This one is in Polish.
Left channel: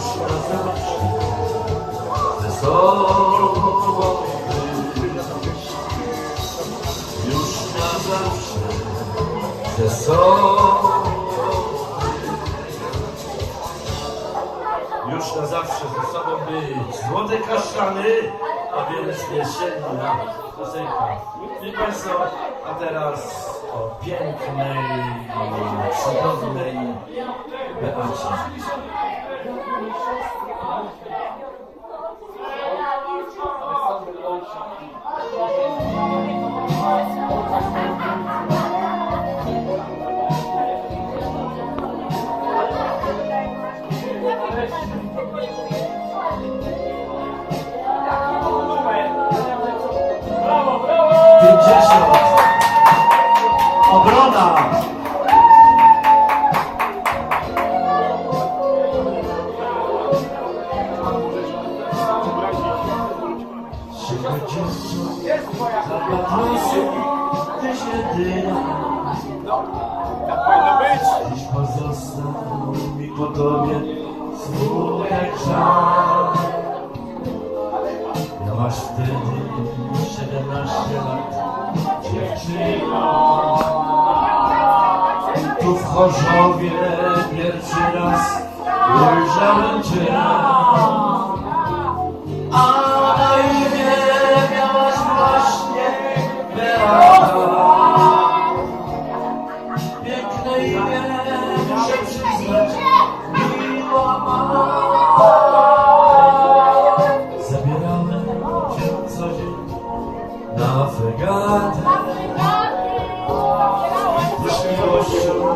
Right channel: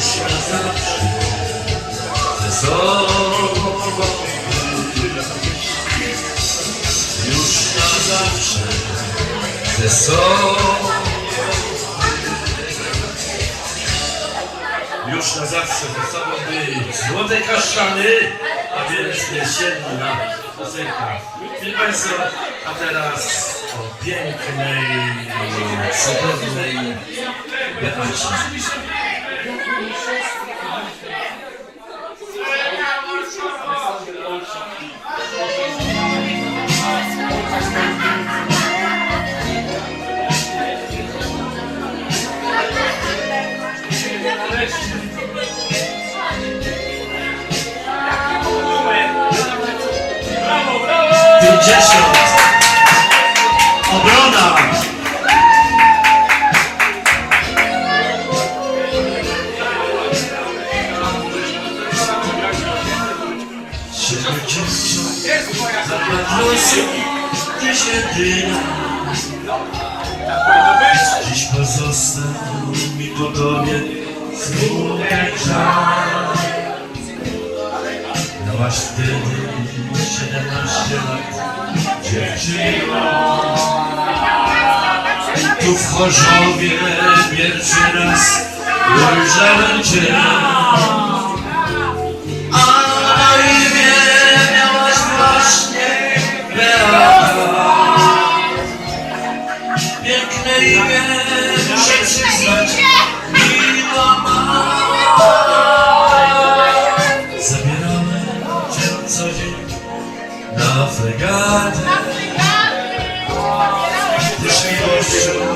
sobą Już na zawsze ze sobą Już na zawsze ze sobą być Złote kaszany, a więc jesienna piosenka Proszę Państwa, a teraz o pięknej, cudownej Beacie 50 Obrona! Siedemdziesiąt. Się gdzieś jedyna Miałaś wtedy 17 lat. Dziewczyno. Tu w Chorzowie pierwszy raz ujrzałem cię. A na imię miałaś właśnie I forgot. I forgot.